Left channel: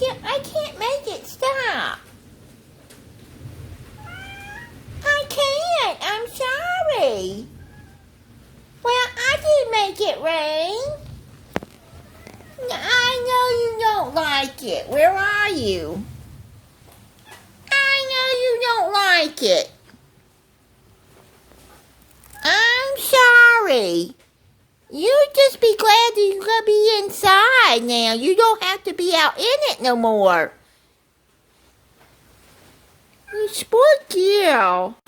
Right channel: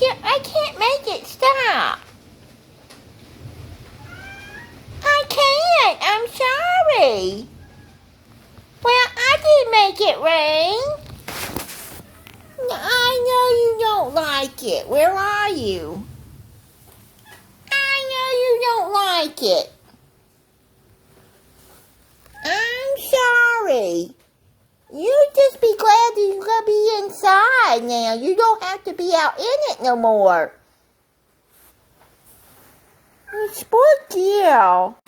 I can't make it stop. I can't. I'm sorry. Well, I did make it rain. I know you don't like it. Where are you? I know you don't like it. I'm sorry. You just be glad that you're going to be inside now. You don't have to be out in it no more. You spoiled girl.